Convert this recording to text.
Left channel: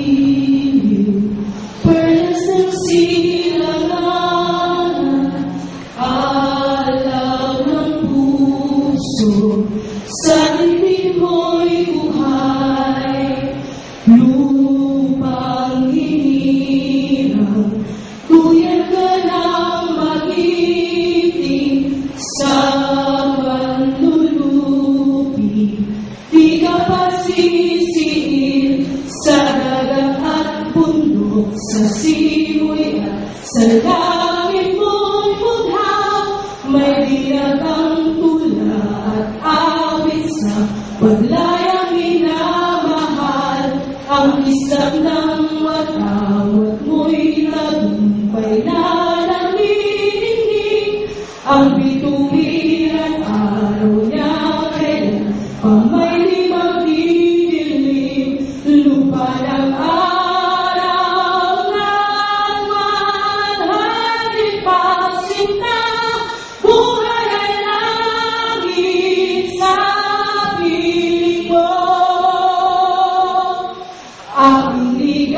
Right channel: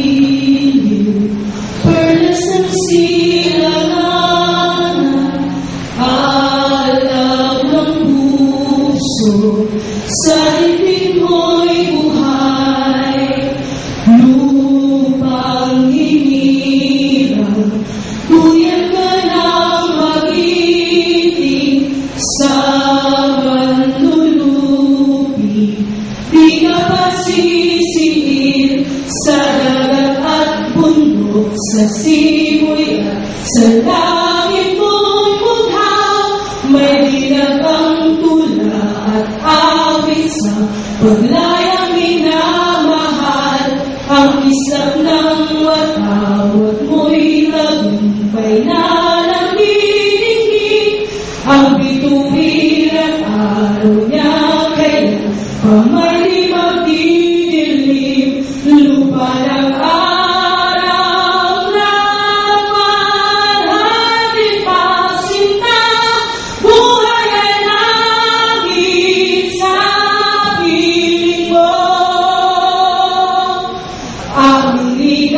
giliw, perlas ng silanganan, alab ng puso, sa dibdib mo'y buhay, lupang hinirang, tuyan ka ng magiting, sa manlulupi, di ka pasisiin, sa dagat at bundok, sa simoy at sa langit mo'y mughaw, may dinagang tula at awit sa paglayang minamahal, ang islap ng watawat mo'y tagumpay na nanginginig, ang bituin at araw niya kailan pa may magdidilim, lupa ng araw ng manhatid pasinta, buhay ay langit sa piling mo, aming